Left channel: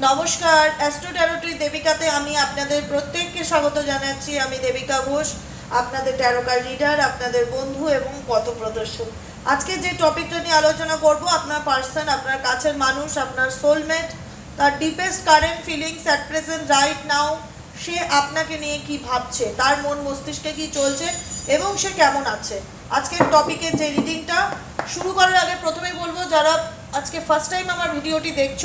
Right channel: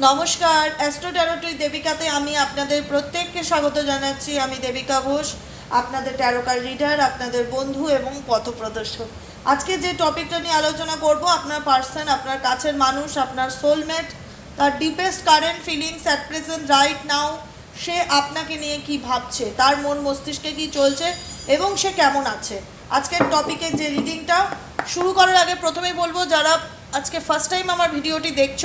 নমস্কার অ্যাস্ট্রো ট্যারোট্রি দেবিকাতে আমি আপনাদের প্রত্যেককে স্বাগত জানাচ্ছি। আমি দেবিকা ঘোষ, আপনাদের ট্যারোকার লিডার আপনাদের বন্ধু এবং পথপ্রদর্শক। আজকে যে টপিকটা নিয়ে আলোচনা করব, আপনার পার্সন, আপনার কাছের মানুষ, আপনার সোলমেট তার deepest current feelings at present right now সে আপনাকে নিয়ে কি ভাবছে, তার মন মস্তিষ্কে কি চলছে এবং সে কেমন আছে? আজকের টপিকের যে রিডিংটা শুরু করার আগে প্রথমেই বলব, যারা আজকে ফার্স্ট টাইম আমার ভিডিওটি দেখছ।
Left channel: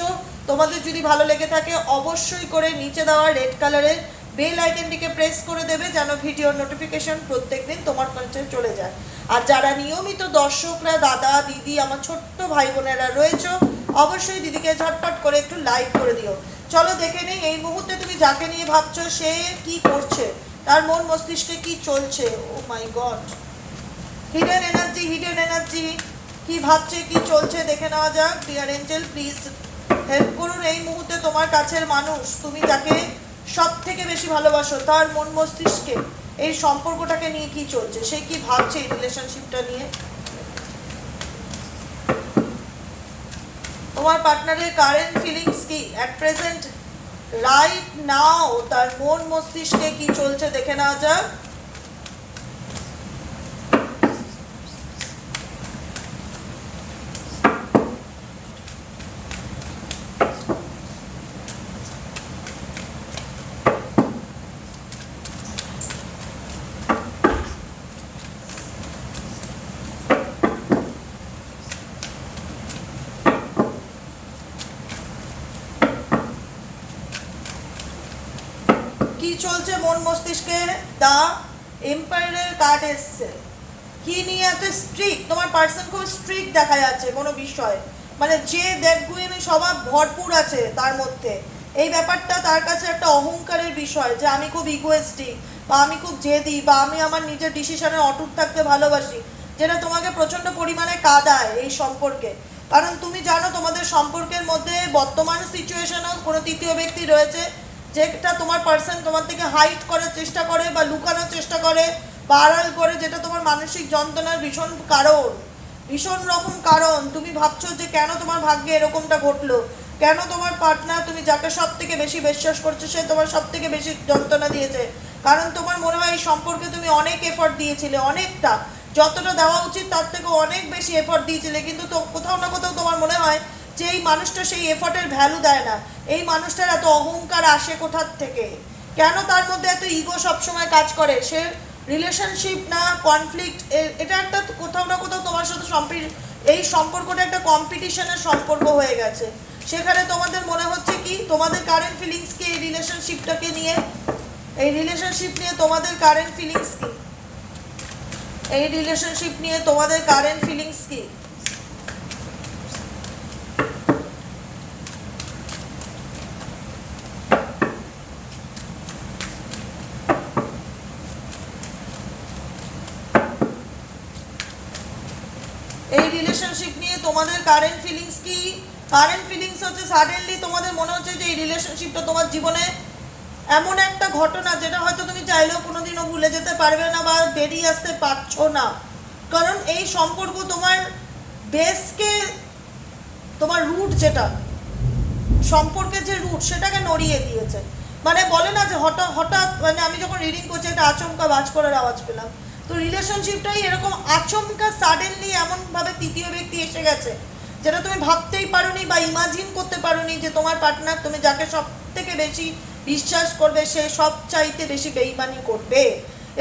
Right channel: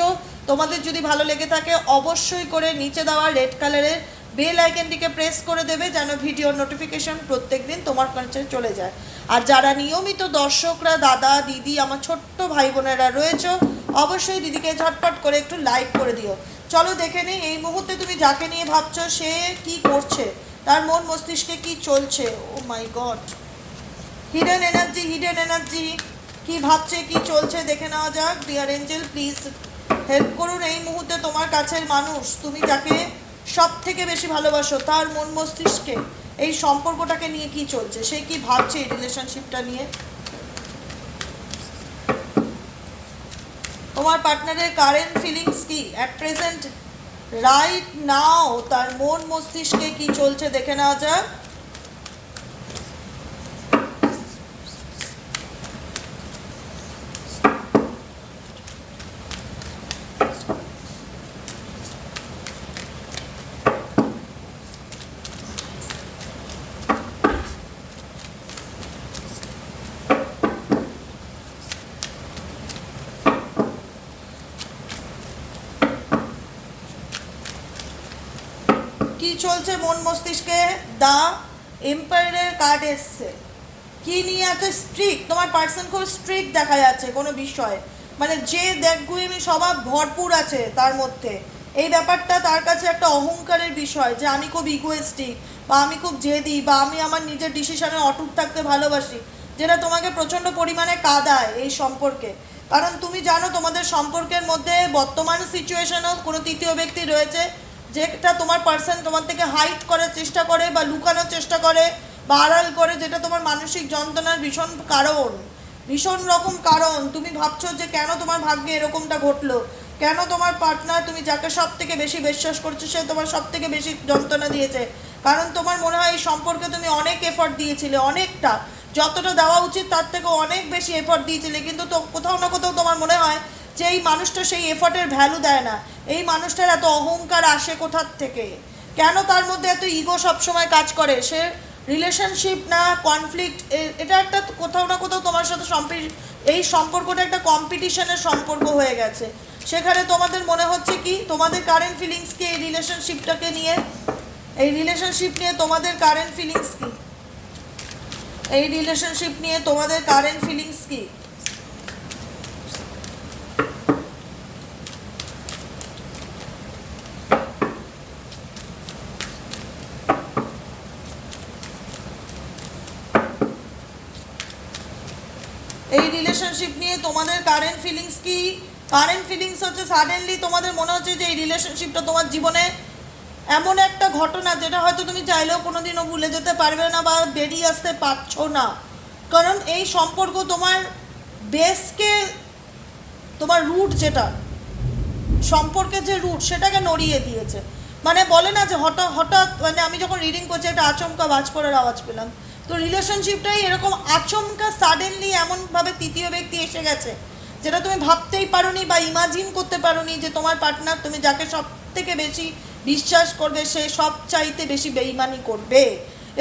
তোমাদের যদি ভালো লেগে থাকে, অবশ্যই করে নিচে দেওয়া রেড কালারের বেল আইকনটিকে প্রেস করে দেবে যেন ভিডিওর নোটিফিকেশন প্রত্যেকদিন তোমার কাছে চলে যায়। আর যারা নিয়মিত দর্শকরা, দাদা, দিদি, আমার ছোট্ট ভাই বোনেরা রয়েছে, অবশ্যই দিদিকে ঝটপট করে একটু লাইক করে দিও। চলো দেখে নিই, এই মুহূর্তে তুমি যাকে নিয়ে ভাবছ, সে কি করছে? তার মন মস্তিষ্কে কি চলছে? ও my god hidden energy hidden energy কি ভাবছে, কি চলছে দেখে নেওয়া যাক। ডিয়ার এঞ্জেল প্লিজ হেল্প করুন। এই মুহূর্তে তোমার কাছের মানুষ, তুমি যাকে সব থেকে বেশি ভালোবাসো, তার মন মস্তিষ্কে, এই সম্পর্কটাকে নিয়ে কি চলছে? সে কি ভাবছে এই রিলেশনশিপটা নিয়ে? তোমার পার্টনারের কারেন্ট ফিলিংস কি? অ্যাট প্রেজেন্ট রাইট নাও তার মন মস্তিষ্কে কি চলছে দেখে নেওয়া যাক। চলছে মন মস্তিষ্কে, দা এম্পায়ারের কার্ড এসছে। কি নিয়ে এত স্ট্রিক্ট তোমার পার্সন খুব স্ট্রিক্ট দেখা যাচ্ছে, কোনো বিষয়? মানে যে দেখগুলি স্বভাব ভরপুর আছে তার মধ্যে। এই ব্যাপারটা তার কাছে একটা অহংকারের বিষয় যে আমি খুব ইগোয়েস্টিক বা আমি খুব জেদি, বা আমি আমার নিজের ডিসিশনে অটুট থাকতে ভালোবাসি, যেটা তোমাকে প্রচণ্ড পরিমাণে কাদায় এই সম্পর্কে। কারণ তুমি জানো তোমাদের সম্পর্কের মধ্যে বর্তমান সিচুয়েশনেও কোনো তৃতীয় ব্যক্তি রয়েছে যেটা তোমার পার্সন তোমার থেকে হাইট করার চেষ্টা করে বা লুকানোর চেষ্টা করে বা আড়াল করে, যেটা তোমার মানসিক যন্ত্রণার ভীষণ কারণ, ভীষণ রকম কারণ। তুমি ভাবছ যে কেন তোমার ভাগ্যে এরকমটা ঘটলো? কেন তোমার পার্টনার তুমি যাকে সব থেকে বেশি বিশ্বাস করছ, সে তোমার সব থেকে বেশি যন্ত্রণা দিয়েছে? কারণ তোমার মনে হয় এই সম্পর্কে তুমি অনেক এফর্ট দিয়েছিলে, অনেকটা। যতটা দেওয়া উচিত তার থেকে অনেক বেশি এফর্ট দিয়েছিলে, কিন্তু তো কোথাও না কোথাও তোমার মনে হয় যে এই মানুষটা সেই এফর্টের ভ্যালু দেয় না, এই মানুষটার এত অহংকার আসে কোথার থেকে? কেন তার মধ্যে এত ইগো সবসময় কাজ করে? সে রিলেশনশিপ না কনফ্লিক্ট এটা একটা কোথাও না কোথাও তোমার সাথে এই সম্পর্কটা একটা কম্পিটিশনের সম্পর্ক হয়ে গেছে। সেখানে তোমাদের মনে হচ্ছে কি, তোমাদের কারেন্ট ফিলিংস কি এই রিলেশনশিপটাকে নিয়ে? এই রিলেশনশিপ নিয়ে তোমাদের কারেন্ট ফিলিংস কি? এই রিলেশনশিপ নিয়ে তোমাদের কারেন্ট ফিলিংস কি এই রিলেশনশিপ নিয়ে তোমাদের কারেন্ট ফিলিংস কি কারেন্ট ফিলিংস হচ্ছে সাডেনলি তোমাদের মনে হচ্ছে যে এই রিলেশনশিপটা তোমার জীবনে এমন একটা ঘটনা যেটা হয়তো তুমি চাইলেও কোনোদিনও ভুলে যেতে পারবে না বা বেরিয়ে আসতে পারছ না। কারণ এই সম্পর্ক তোমার বেসকে তোমার রুট যেটা, সম্পর্কের যে রুট সেটাকে নড়িয়ে দিয়েছে। মানে বলে না যে হঠাৎ হঠাৎ মানে আমি যখন রিডিং করছি একটা আচমকা বাজ করার আওয়াজ পেলাম। তো রিলেশনশিপটাই এরকম আচমকা সাডেনলি এমনভাবে তৃতীয় ব্যক্তি এসে গেছে। যেটা তুমি ভাবতেই পারোনি বা ইমাজিন করতে পারোনি যে তোমার পার্টনার তুমি যাকে সব থেকে বেশি বিশ্বাস করবে, সে সব চাইতে বেশি বেইমানি করবে।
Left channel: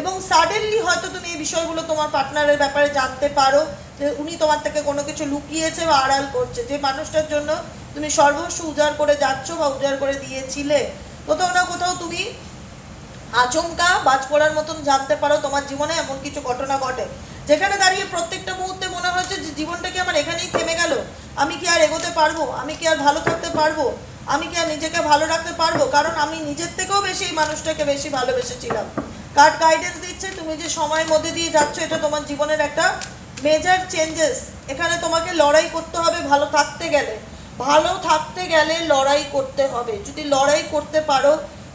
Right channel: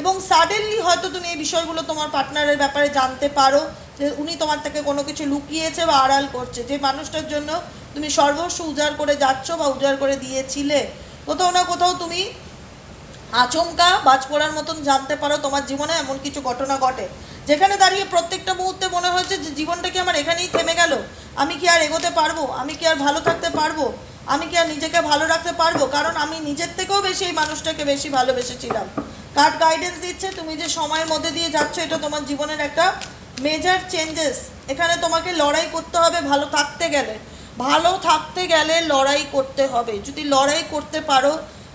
এবং সাডেনলি হয়তো তুমি এই বিষয়গুলো তোমার পার্টনারের ব্যাপারে জানতে পারো যে উনি তোমার থেকে কোনো কিছু লুকিয়েছে বা আড়াল করছে। যে মানুষটার জন্য তুমি সর্বস্ব উজাড় করে যাচ্ছ বা উজাড় করে দিয়েছিলে। কোথাও না কোথাও তুমি আচমকা বাজ পড়ার মতন জানতে পারো তোমার জীবনে এমন কিছু ঘটনা ঘটে। যেখানে দাঁড়িয়ে প্রত্যেকটা মুহূর্তে মনে হচ্ছে যে জীবনটা কি আমার এখানেই থেমে গেল। আমি কি আর এগোতে পারব? আমি কি আর ভালো থাকতে পারব? আমি কি আর নিজেকে ভালো রাখতে পারব? কারণ আমি নিজের থেকেও বেশি এই মানুষটাকে বেশি ভালোবেসেছিলাম। কার্ড গাইডেন্স দিচ্ছে? তুমি যে সময়ের মধ্যে দিয়ে যাচ্ছ, এটা তোমার জীবনের একটা মেজর চেঞ্জেস এখানে তোমাকে লড়াই করতে হবে ভালো থাকতে গেলে। ভালো থাকতে গেলে লড়াই করতে হবে। যদি লড়াই করতে পারো,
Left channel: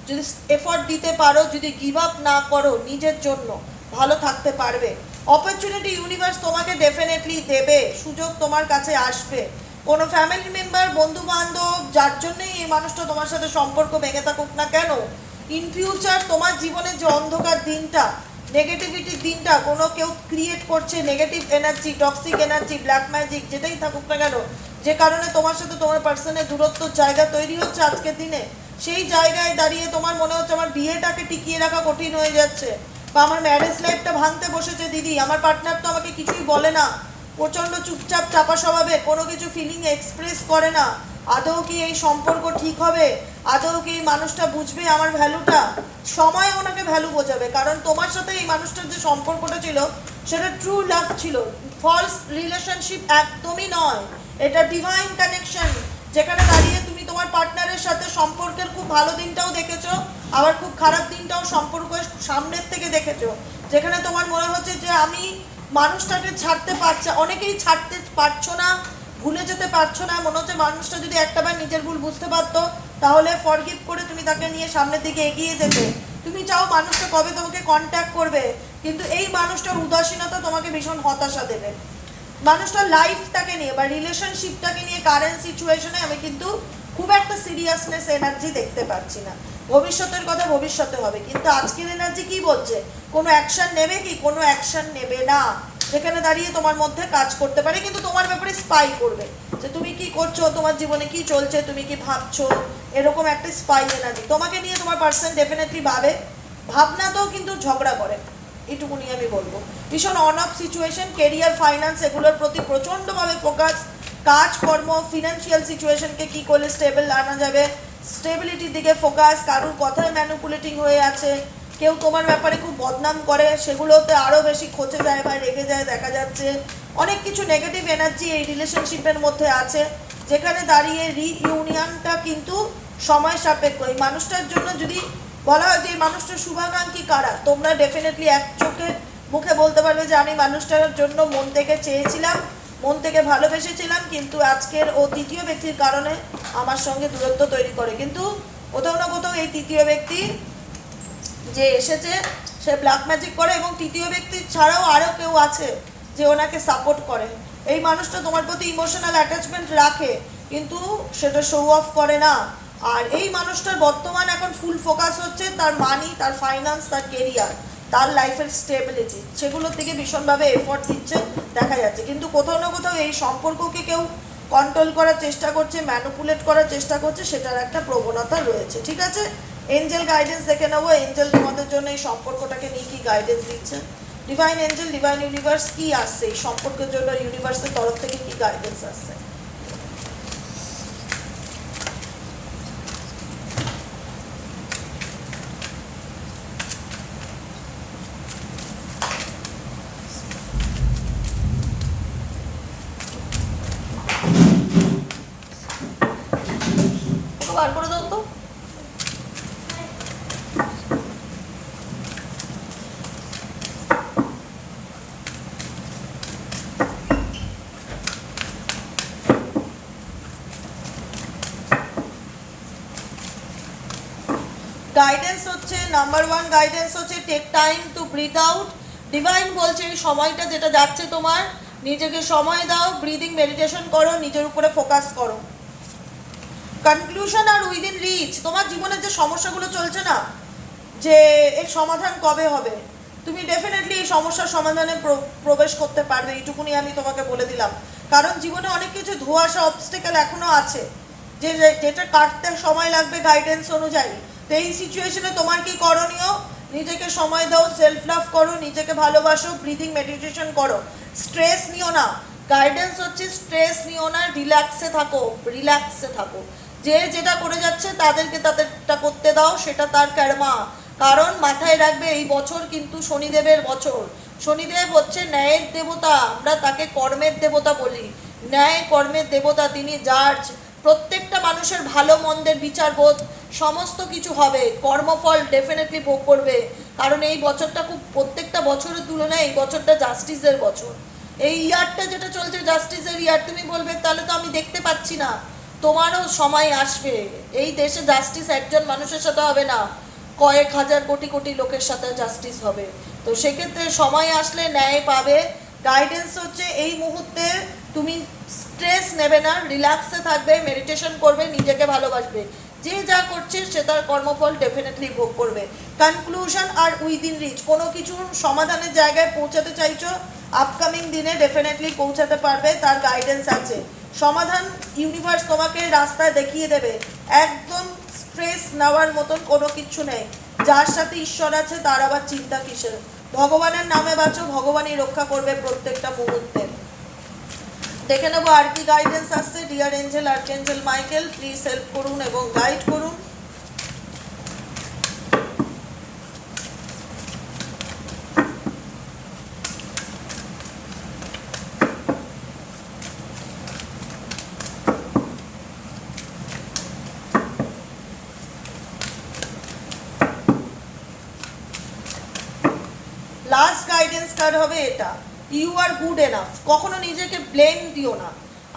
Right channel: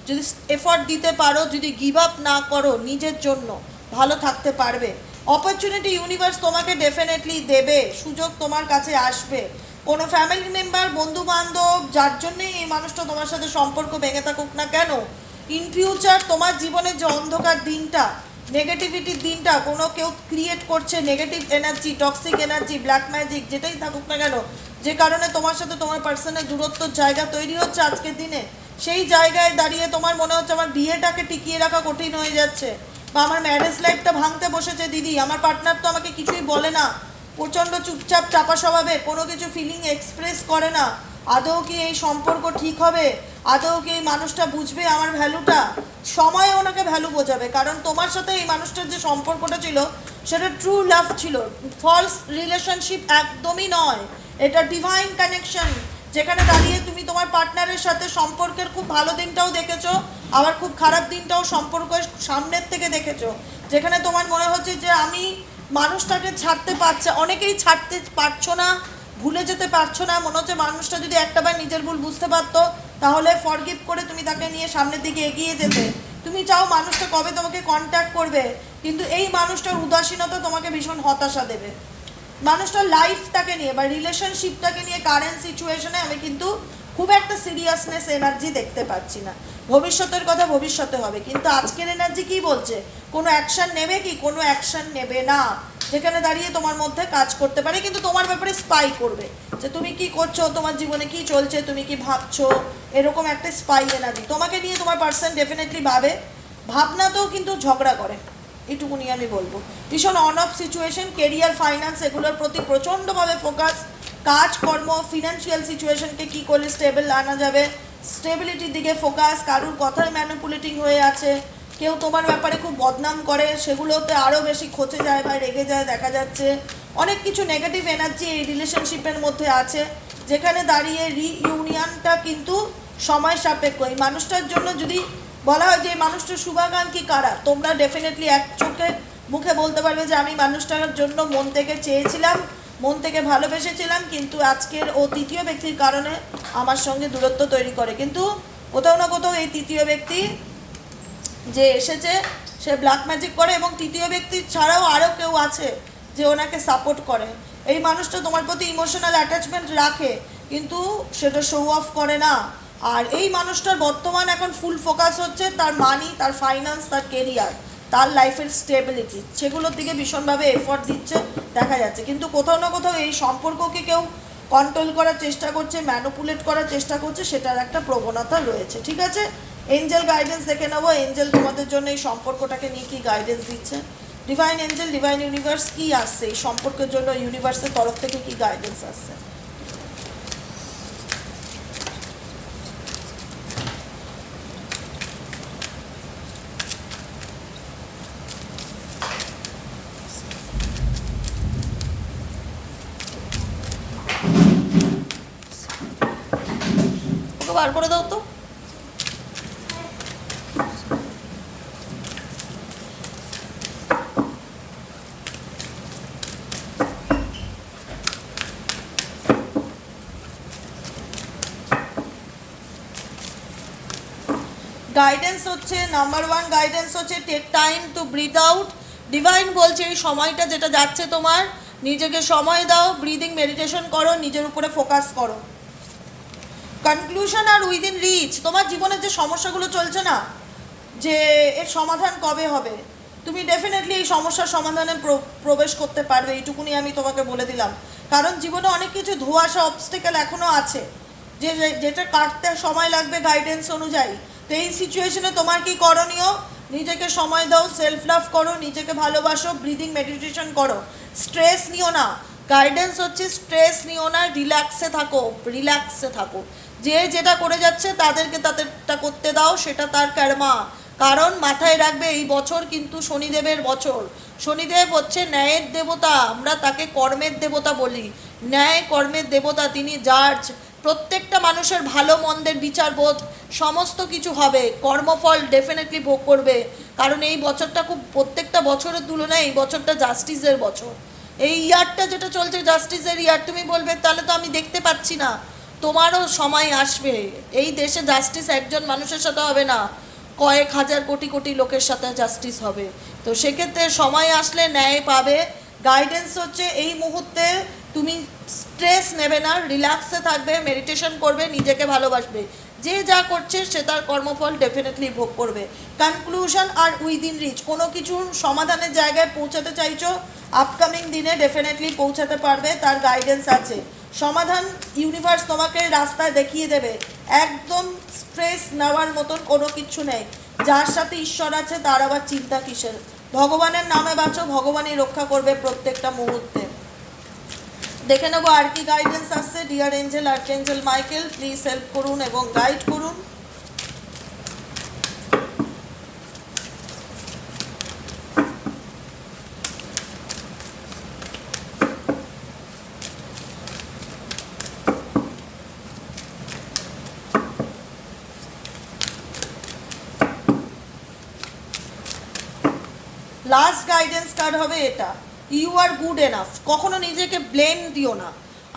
যদি এফর্ট দিতে পারো, যদি গিভ আপ না করো নিজের জন্য, ভালো থাকতে পারবে। অপরচুনিটি ইউনিভার্স তোমাকে ডেফিনেটলি দেবে, সুযোগ তোমার কাছে আসবে। কোনো ফ্যামিলি মেম্বার বন্ধু বান্ধব যার জন্যই এই মানুষটা তোমার সাথে সম্পর্ক ভেঙে থাকুক না কেন ইন ফিউচার তোমার জীবনের যে অন্ধকার দিনটা নেগেটিভিটির দিনটা, কোনো কেউ ক্রিয়েট করছে negative energy toxic energy black magic যেটাই থাকুক না কেন, যে কারণে তোমার সাথে তোমার পার্সনের দূরত্ব জায়গা তৈরি হচ্ছে আজকের দিনে, সেই জায়গায় দাঁড়িয়ে তোমার মনে হচ্ছে আমার বিয়েটাকে টিকিয়ে রাখা কঠিন হয়ে যাচ্ছে। বা আমার ম্যারেজ লাইফটা ভাঙতে বসেছে, দিদি। আমার পার্টনার তো আমাকে কিছুই বলে না। প্রচণ্ড চুপচাপ, চাপা স্বভাবে, কোনো কিছু ফিলিং এক্সপ্রেস করে না। আদৌ কি এই সম্পর্ক ঠিক হবে? আদৌ কি এই মানুষটা বুঝবে আমার ভ্যালুটা? সময় ওনাকে ভ্যালু বোঝাবে, কারণ তোমার সাথে এই মানুষটার যে সম্পর্কটা ছিল, সেটা ট্রু লাভ ছিল। ফলস রিলেশনশিপ একদমই নয়। এটা ডিভাইন কানেকশন যেখানে দাঁড়িয়ে তুমি তোমার পার্টনারের সাথে সম্পর্কের খুব ভালো দিনটাও দেখেছ, আবার খুব খারাপ দিনটাও সম্পর্কের সামনের থেকে দেখেছ। যেখানে তোমার মনে হচ্ছে যে আমি মানুষটাকে ছাড়তে পারছে, অনেকেই ছাড়তে পারছ না, ভুলে যেতে পারছ না। মনে হচ্ছে মানুষটা যদি একটাবার নিজের ভুল বুঝতে পারতো, তাহলে ফরগিভ করে তুমি তাকে নিয়ে সামনের দিকে এগিয়ে যেতে। তুমি চাও মানুষটা কবে তোমাকে কন্ট্যাক্ট করবে, কিন্তু এই মানুষটার উদাসীনতা তোমাকে ভীষণ হতাশা দেবে। মানুষটার লাইফটাকে নিয়ে বা রিলেশনশিপটাকে নিয়ে কারেন্ট সিচুয়েশনে আমি কিন্তু খুব একটা সিরিয়াসনেস এনার্জি দেখতে পাচ্ছি না। ভবিষ্যতের কথা ভবিষ্যতে হবে। কিন্তু আজকের এনার্জি কি বলছে? কোনো অ্যাকশন নেবে কি? কোনো অ্যাকশন নেবে না। যেখানে দাঁড়িয়ে তোমার মধ্যে কাজ করতে পারে, কিন্তু তোমার ব্যাপারে স্পাই করবে। যে তুমি কি করছ? তোমার জীবনে কি চলছে? তুমি কি ভাবছ? এরকম একটা স্পাই এনার্জি তোমাকে নিয়ে তোমার পার্সন ডেফিনেটলি ভাবে। ভাবনাতেও কিন্তু ঝগড়া করে। এটুকুনি আমি বলব। ভীষণ on off situation career finance এগুলোর প্রতি প্রচণ্ডভাবে ফোকাস কাজ কর্ম ফিনান্সিয়াল সিচুয়েশনকে কী করলে স্টেবল আনা যাবে? স্টেবিলিটির দিকে ফোকাস কারুর কথায় ম্যানুপুলেটিং হয়ে আছে। কেউ তোমার ব্যাপারে খুব বদনাম করে, সেগুলোতে আরও বেশি খচে যায় বা রেগে যায়, দেখা যাচ্ছে। অনেক কিছু নেগেটিভ এনার্জি এই রিলেশনশিপের মধ্যে আছে, যেখানে দাঁড়িয়ে রিইউনিয়নটা কিন্তু সময় সাপেক্ষ। এই মানুষটার জন্য যদি বলা হয় যে মানুষটা শুভাকাঙ্ক্ষী কারা? তোমরা ডেফিনেটলি এক চোখে মুখে বলতে পারবে যে আমি মানুষটার জন্য মন থেকে চেয়েছিলাম, মন থেকে ভালোবেসেছিলাম, কিন্তু আজকের ও তৃতীয় ব্যক্তির কারণে আমার সঙ্গে দূরত্ব তৈরি করে। কিন্তু কোথাও না কোথাও এই তৃতীয় ব্যক্তি যে এসেছে, সে ব্ল্যাক ম্যাজিক করে এবং তৃতীয় ব্যক্তি ছাড়াও আরও কেউ আছে যে ওনাকে সাপোর্ট করে। এই মানুষটা তোমার প্রতি ইমোশনাল অ্যাটাচমেন্ট রাখে, কিন্তু সেটা শো অফ করে না। আর এই মানুষটার বর্তমান এখন ফুল ফোকাস হচ্ছে তার মানি তার ফাইন্যান্স তার কেরিয়ার তার লাইফের স্টেবিলিটি সেগুলোর দিকে ভীষণভাবে এফোর্ট দিচ্ছে, দেখা যাচ্ছে। কিন্তু কোথাও না কোথাও এই সম্পর্ককে কেউ কন্ট্রোল করার চেষ্টা করছে ম্যানুপুলেট করার চেষ্টা করছে, সেটার একটা প্রবণতা রয়েছে, ঠিক আছে? এঞ্জেল গাইডেন্স দেখে নেব। এঞ্জেল তোমাদের জন্য এই সম্পর্কটাকে নিয়ে কি গাইডেন্স দিচ্ছে? ডিভাইন এঞ্জেল ডিভাইন ইউনিভার্স কি আসছে? এই সম্পর্কের জন্য ইউনিভার্সের তরফ থেকে কি গাইডেন্স আসছে? একটু বার করে দাও তো। গাইডেন্স হচ্ছে নাম্বার ওয়ান গাইডেন্স হচ্ছে take time to breathe out divine বলছে এই সময়টা যেটা যাচ্ছে তোমার, নিজেকে সময় দাও ব্রিদিং মেডিটেশন করো, নিজের উপরে ফোকাস করো। কনক্লুশন আর উইদিন রিচ তোমার জীবনের যে সমস্যাগুলো চলছে না, যে এর সমাধান কবে হবে? তুমি ডেফিনেটলি এই সমস্যার সমাধানে প্র- প্রবেশ করতে পারবে, এইটুকুনি আমি তোমাকে বলে দিলাম। কারণ জীবনে অনেক কিছু ধোয়াশা অবস্টেকেল এখনও আছে। যে- যেটা কাটতে সময় লাগবে গাইডেন্স অনুযায়ী। তো এই সিচুয়েশনে তোমার কি করণীয়? নিজেকে সময় দাও সেলফ লাভ করো, নিজেকে ভালোবাসো ব্রিদিং মেডিটেশন করো। স্ট্রেস নিও না। গাইডেন্স হচ্ছে স্ট্রেস নিও না রিল্যাক্সে থাকো রিল্যাক্সে থাকো। যে যেটা করে যাচ্ছে তাদেরকে তাদেরটা করতে দাও, সেটা তার কর্মা কারণ মাথায় রাখবে এই বছর কিন্তু শনিদেবের বছর। শনিদেব হচ্ছে ন্যায়ের দেবতা, আমরা তাকে কর্মের দেবতা বলি। ন্যায় কর্মের দেবতা তিনি জার্জ প্রত্যেকটা মানুষের ভালো মন্দের বিচার বোধ, সমস্ত কিছু হবে, কর্মফল ডেফিনেটলি ভোগ করবে। কারণ এই বছরটা খুব, প্রত্যেকটা বছরের তুলনায় এই বছরটা জাস্টিসের বছর। এই ইয়ারটা যেটা চলছে জাস্টিসের ইয়ার তুমি বলবে, তাহলে তো আমি দেখতে পাচ্ছি না। তোমারও সময় আসবে। এই দেশে জাস্টিস একজন মানুষের সাথে হবে না। কয়েক হাজার কোটি কোটি লোকের সাথে জাস্টিস হবে। তো সেক্ষেত্রে সময় আসলে ন্যায় পাবে। গাইডেন্স হচ্ছে এই মুহূর্তে তুমি স্ট্রেস নেবে না রিল্যাক্সে থাকবে মেডিটেশন করবে, নিজেকে ভালোবাসবে। যে যা করছে সে তার কর্মফল ডেফিনেটলি ভোগ করবে। কনক্লুশন আর উইদিন রিচ কোনো কিছু সমাধানের জায়গায় পৌঁছাতে চাইছো আপকামিং দিনে ডেফিনেটলি পৌঁছাতে পারবে, তার গাইডেন্স আছে। সমাধান ইউনিভার্স তোমাকে রাস্তায় দেখিয়ে দেবে। একদম স্ট্রেস নেওয়ার মতন কোনো কিছু নেই। যার সাথে ঈশ্বর আছে, তার আবার চিন্তা কিসের? ভগবানের নামে বাঁচো, ভগবানই রক্ষা করবে প্রত্যেকটা মুহূর্তে। দেখে নেব আর কি গাইডেন্স আসছে। Dear angel archangel Michael please help করুন এবং গাইড করুন। লাস্ট গাইডেন্স কার্ড হবে এটা। ইউ আর গুড এনাফ কখনো নিজেকে ব্লেম দিও না।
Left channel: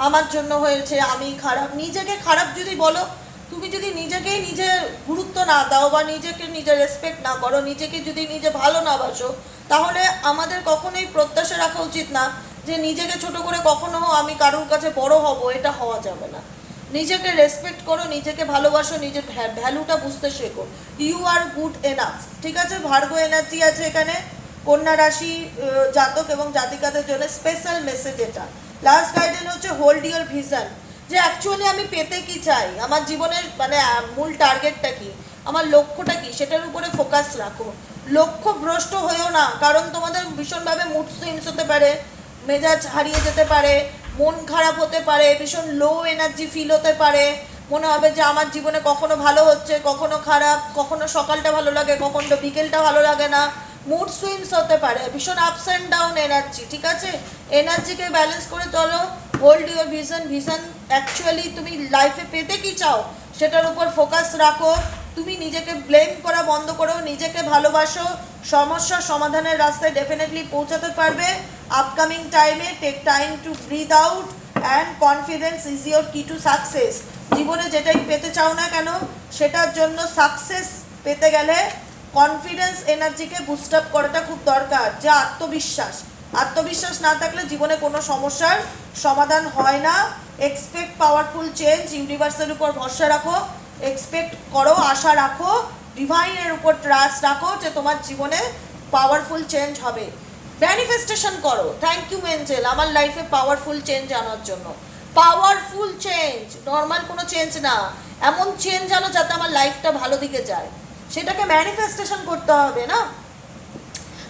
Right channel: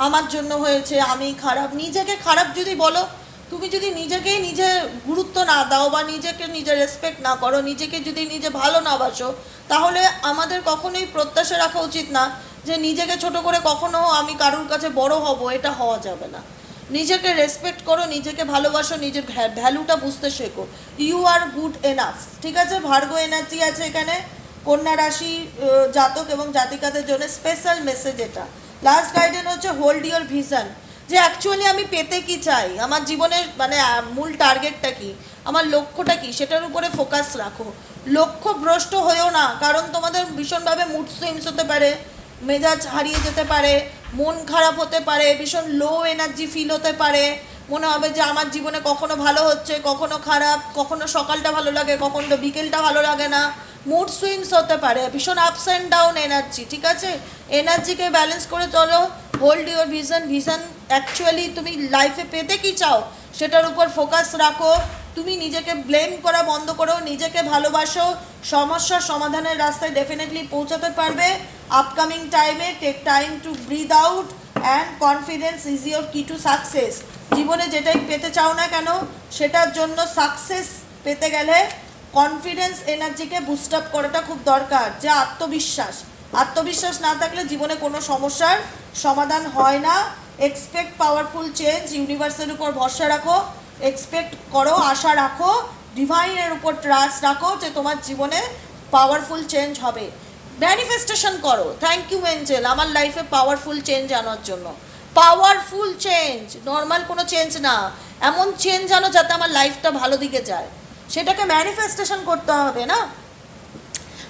আমার জন্য হয়েছে, আমি খারাপ। নিজেকে খারাপ যদি বলো, তুমি যদি নিজেকেই নিজে গুরুত্ব না দাও বা নিজেকে নিজে রেসপেক্ট না করো, নিজেকে যদি নিজে ভালো না বাসো, তাহলে আমাদের কখনোই প্রত্যাশা রাখা উচিত না যে নিজেকে ছোট করে কখনো আমি কারোর কাছে বড় হব, এটা হওয়া যাবে না। নিজেকে রেসপেক্ট করো, নিজেকে ভালোবাসো, নিজের ভ্যালুটা বুঝতে শেখো। ইউ আর গুড এনাফ ঠিক আছে? ভার্গ এনার্জি আছে এখানে। কন্যা রাশি জাতক এবং জাতিকাদের জন্য স্পেশাল মেসেজ এটা। লাস্ট গাইডেন হচ্ছে হোল্ড ইউর ভিশন যে অ্যাকচুয়ালি আমি পেতে কি চাই? আমার জীবনের মানে মূল টার্গেটটা কি? আমার লক্ষ্যটা কি? সেটার উপরে ফোকাস রাখো। লক্ষ্য ভ্রষ্ট হয়েও না, কারণ তোমাদের ভীষণভাবে মুড সুইংস হতে পারে, মেজাজ হারিয়ে যেতে পারে, মন খারাপ হতে পারে, ভীষণ লো এনার্জি ফিল হতে পারে। মনে হবে যে আমার জীবনে কখনো ভালো হচ্ছে, কখনো খারাপ, কখনো সকালটা ভালো লাগে, কখনো বিকেলটা ভালো লাগে না। মুড সুইংস হতে পারে, ভীষণ আপস অ্যান্ড ডাউন এনার্জি ঠিক আছে? এনার্জিকে ব্যালেন্স করে চলো hold your vision vision actually তুমি লাইফে পেতে কি চাও, সেটার উপর ফোকাস রাখো। তুমি নিজেকে ব্লেম করা বন্ধ করো, নিজেকে ভালোবাসো সমস্যার সমাধানের রাস্তায় ডেফিনেটলি পৌঁছাতে পারবে। আপকামিং টাইমে take time to breathe out and confidence is your key to success জীবনে যেটাই পেতে চাও না কেন, সেটার জন্য সাকসেস পেতে গেলে কনফিডেন্স এনার্জিকে বুস্ট আপ করাটা খুব দরকার, যে আত্মবিশ্বাস। আত্মবিশ্বাস না থাকলে জীবনে কোনো সমস্যার সমাধান হয় না। এক্সপেক্ট পাওয়ারফুল চেঞ্জ ইউনিভার্সের উপর ভরসা রাখো এক্সপেক্ট করো, আশা রাখো ডিভাইনের উপর ট্রাস্ট রাখো যে তোমার জীবনে পাওয়ারফুল চেঞ্জ হবে। ম্যানিফেস্টেশন করো থ্যাংক ইউ এঞ্জেল আমার লাইফে পাওয়ারফুল চেঞ্জ আনার জন্য। পাওয়ারফুল চেঞ্জ নর্মাল কোনো চেঞ্জ না। এমন চেঞ্জ আনো যাতে আমার লাইফটা ভালো দিকে যায়। সেটাকে ম্যানিফেস্টেশন করতে হবে, না?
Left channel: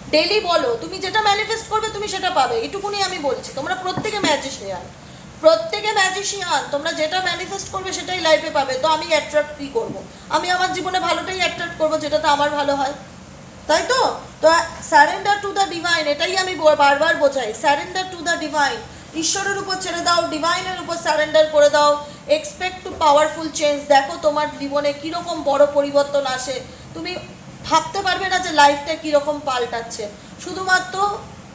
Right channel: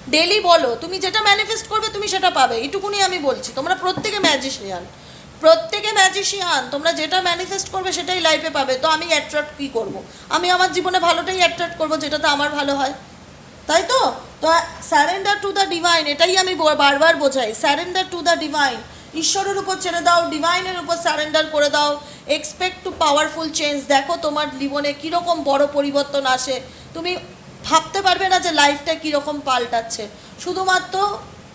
ডেলি বলো, তুমি যেটা ম্যানিফেস্ট করবে তুমি সেটা পাবে। এটুকুনি আমি বলছি, তোমরা প্রত্যেকে ম্যাজিশিয়ান প্রত্যেকে ম্যাজিশিয়ান তোমরা যেটা ম্যানিফেস্ট করবে সেটাই লাইফে পাবে। তো আমি অ্যাট্রাক্ট কী করব? আমি আমার জীবনে ভালোটাই অ্যাট্রাক্ট করব, যেটাতে আমার ভালো হয়। তাই তো? তো স্যারেন্ডার টু দ্য ডিভাইন এটাই আমি বারবার বোঝাই। স্যারেন্ডার টু দ্য ডিভাইন ঈশ্বরের উপর ছেড়ে দাও ডিভাইনের উপর স্যারেন্ডার করে দাও। এক্সপেক্ট টু পাওয়ারফুল চেঞ্জ দেখো তোমার জীবনে কীরকম বড় পরিবর্তন আসে। তুমি ভাবতে পারবে না যে লাইফটা কীরকম পাল্টাচ্ছে। শুধুমাত্র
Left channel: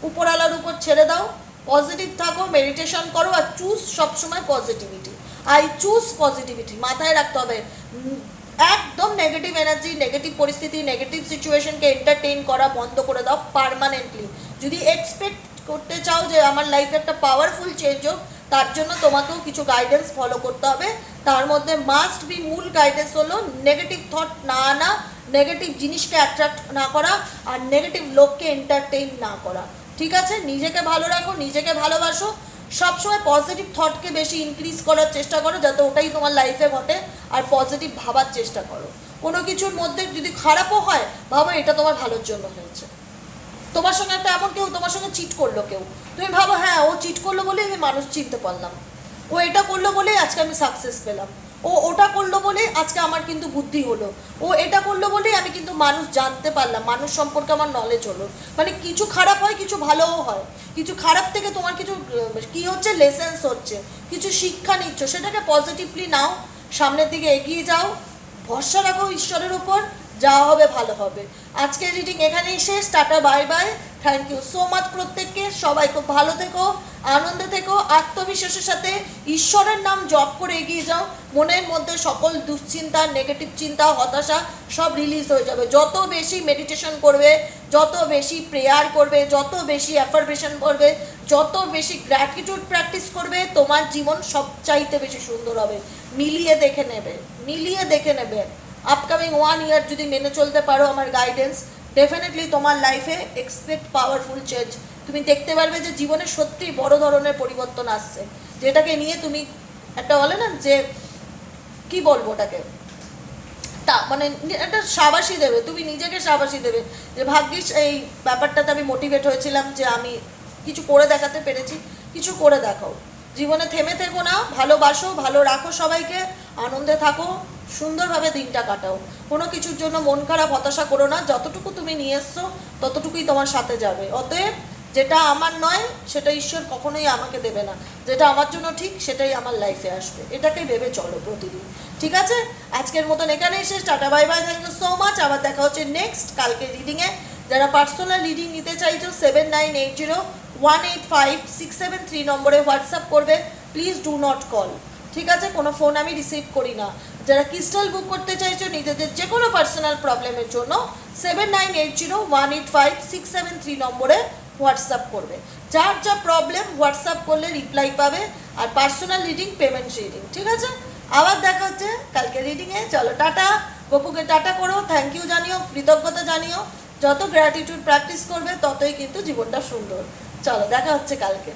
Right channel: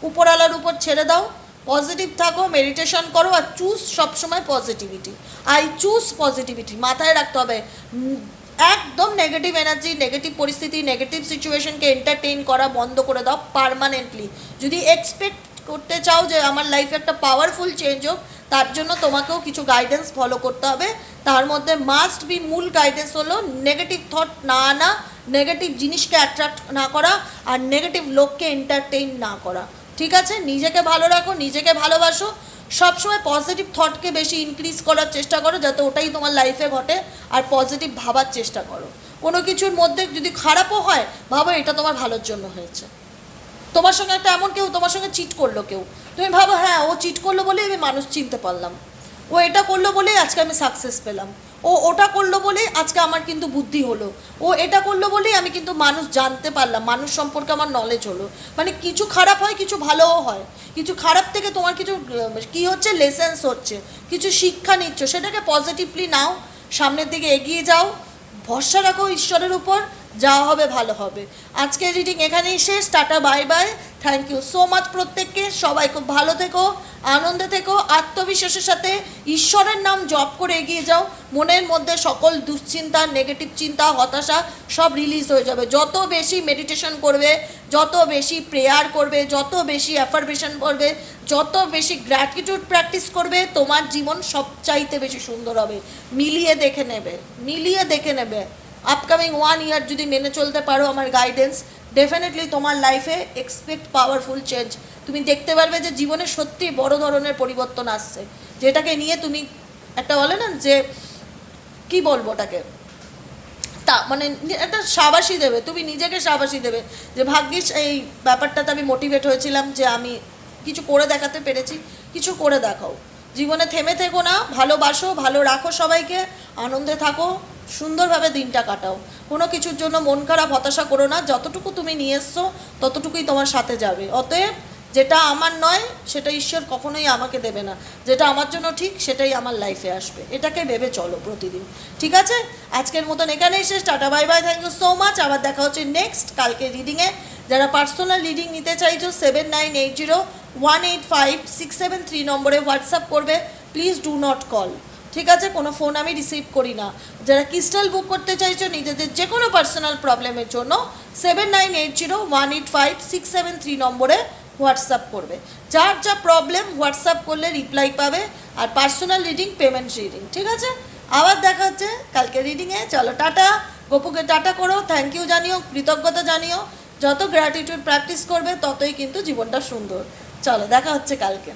উপরওয়ালার উপর ছেড়ে দাও পজিটিভ থাকো মেডিটেশন করো আর চুজ সবসময় পজিটিভিটি আই চুজ পজিটিভিটি মাথায় রাখতে হবে। একদম নেগেটিভ এনার্জি নেগেটিভ পরিস্থিতি নেগেটিভ সিচুয়েশনকে এন্টারটেইন করা বন্ধ করে দাও পারমানেন্টলি যদি এক্সপেক্ট করতে চাও যে আমার লাইফে একটা পাওয়ারফুল চেঞ্জ হোক তার জন্য তোমাকেও কিছু গাইডেন্স ফলো করতে হবে। তার মধ্যে মাস্ট বি মূল গাইডেন্স হলো নেগেটিভ থট না আনা নেগেটিভ জিনিসকে অ্যাট্রাক্ট না করা আর নেগেটিভ লোককে এন্টারটেইন না করা। ঠিক আছে? নিজেকে ভালো রাখো, নিজেকে ভালোবাসো। সবসময় পজিটিভ থটকে বেশি ইনক্রিজ করার চেষ্টা করো যাতে ওটাই তোমার লাইফে ঘটে আর পজিটিভ ভাবার চেষ্টা করো। কোনো কিছুর মধ্যে যদি খারাপও হয়, ভাবো এটা তোমার ভালোর জন্য হয়েছে। তোমার সঙ্গে একটা এমন কেউ, তোমার সঙ্গে চিট করল কেউ। তুমি ভাবো হ্যাঁ ও চিট করল বলেই আমি মানুষ চিনতে পারলাম। ও এটা করল বলেই আজকে আমি সাকসেস পেলাম। ও ওটা করল বলেই আজকে আমার কিন্তু বুদ্ধি হলো। ও এটা করল বলেই আমি কিন্তু মানুষ জানতে পারলাম, মানুষ সম্পর্কে আমার নলেজ হলো। মানে কিছু খারাপ হয়, কিছু ভালোও হয়। কিছু খারাপ থেকে তোমার কিছু কি হচ্ছে? লেসেন্স হচ্ছে। কিছু শিক্ষা নিচ্ছ, সেটাকে পজিটিভলি নাও, সামনের দিকে এগিয়ে যাও। ভরসা রাখো ঈশ্বরের উপর। যা হবে ভালো হবে। আজকের রিডিং এখানেই শেষ। Tata bye bye thank you so much প্রত্যেককে। সবাই খুব ভালো থেকো, আনন্দে থেকো, আত্মবিশ্বাসের সাথে ঈশ্বরের নাম জপ করে এগিয়ে যাও। মনের মধ্যে সকল দুশ্চিন্তা নেগেটিভ চিন্তা, হতাশা সব রিলিজ হয়ে যাবে। যত বেশি মেডিটেশন করবে, যত বেশি প্রেয়ার করবে, যত বেশি অ্যাফার্মেশন করবে, যত বেশি গ্র্যাটিটিউড প্র্যাকটিস করবে, তোমার জীবন সবচাইতে বেশি সুন্দর হবে। মিলিয়ে দেখে নেবে, মিলিয়ে দেখে নেবে। আপকামিং ওয়ান ইয়ার যদি মেনে চলতে পারো আমার গাইডেন্স ডেফিনেটলি তোমার লাইফে এক্সপেক্ট পাওয়ারফুল চেঞ্জ তুমি দেখতে পারবে যে জীবনে সত্যি বড় ধরনের পরিবর্তন আসছে। যেটাকে নিয়ে তুমি একটা বলে না যে, কি বলব ওটাকে? তা মানে একটা সাবাসী দেবে, তুমি নিজেকে সাবাসী দেবে। যে ভাগ্যিস এই ব্যাপারটাতে আমি মোটিভেট হয়েছিলাম যে আমি কিছু করে দেখাতে পেরেছি, কিছু করে দেখাও। জীবনে থেমে থেকো না, ভালোবাসো, ভালো রাখো সবাইকে, আনন্দে থাকো সুন্দরভাবে দিনটা কাটাও। কোনো কিছুর জন্য মন খারাপ, হতাশা করো না। যতটুকু তুমি নিয়ে এসছো, ততটুকুই তোমার সাথে যাবে। অতএব যেটা আমার নয়, সেটা ঈশ্বর কখনোই আমাকে দেবে না। যেটা আমার জন্য ঠিক, সেটাই আমার লাইফে আসবে। এটাকে ভেবে চলো প্রতিদিন। ঠিক আছে? আজকের মতন এখানেই শেষ। Tata bye bye thank you so much আবার দেখা হচ্ছে নেক্সট কালকে রিডিংয়ে যারা পার্সোনাল রিডিং নিতে চাইছো seven nine eight zero one eight five six seven three নম্বরে হোয়াটসঅ্যাপ করবে। প্লিজ ডু নট কল ঠিক আছে? কোনো ফোন আমি রিসিভ করি না। যারা ক্রিস্টাল বুক করতে চাইছো, নিজেদের যে কোনো পার্সোনাল প্রবলেমের জন্য seven nine eight zero one eight five six seven three নম্বরে হোয়াটসঅ্যাপ করবে। যার যা প্রবলেম হোয়াটসঅ্যাপ করলে রিপ্লাই পাবে আর পার্সোনাল রিডিং পেমেন্ট রিডিং ঠিক আছে? আবার দেখা হচ্ছে কালকে রিডিংয়ে চলো, টাটা। গপুকে টাটা করো। থ্যাংক ইউ জানিও, কৃতজ্ঞতা জানিও। যত গ্র্যাটিটিউড প্র্যাকটিস করবে, ততই কিন্তু জীবনটা সুন্দর। চলো, দেখা হচ্ছে কালকে।